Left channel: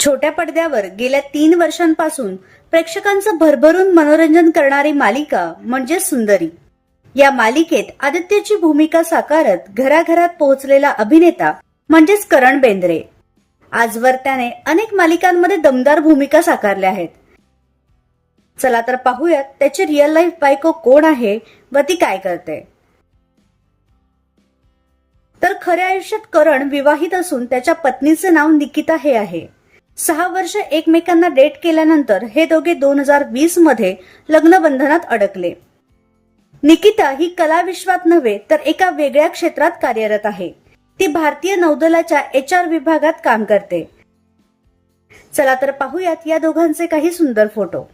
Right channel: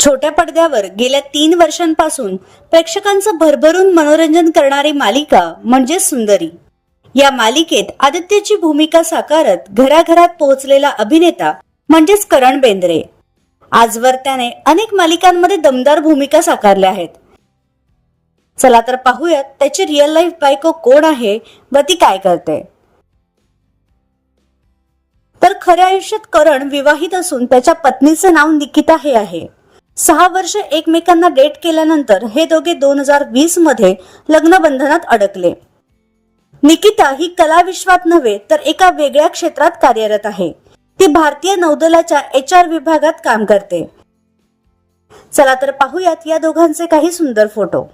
छोट्या पडद्यावर गेल्या तीन वर्षांपासून प्रेक्षकांचं भरभरून मनोरंजन करणारी मालिका म्हणजे सुंदरी. या मालिकेत आदित्यची भूमिका साकारत घराघरात पोहोचलेला अभिनेता म्हणजेच करण बेंद्रे. आजवर त्याने अनेक मालिकांमध्ये दमदार भूमिका साकारल्या आहेत. चला तर पाहूयात त्याची रिअल लाईफ बायको कोण आहे व ती काय करते. तर खऱ्या आयुष्यात करण विवाहित असून त्याच्या पत्नीचं नाव निकिता हे आहे. सहा वर्ष एकमेकांना डेट केल्यानंतर हे दोघे दोन हजार वीसमध्ये लग्नबंधनात अडकले. निकिता ही कला विश्वात नव्हे तर एका वेगळ्या क्षेत्रात कार्यरत आहे. ती भारतीय नौदलाच्या एच आर विभागात काम करते. चला तर पाहूयात या दोघांचे काही सुंदर फोटो.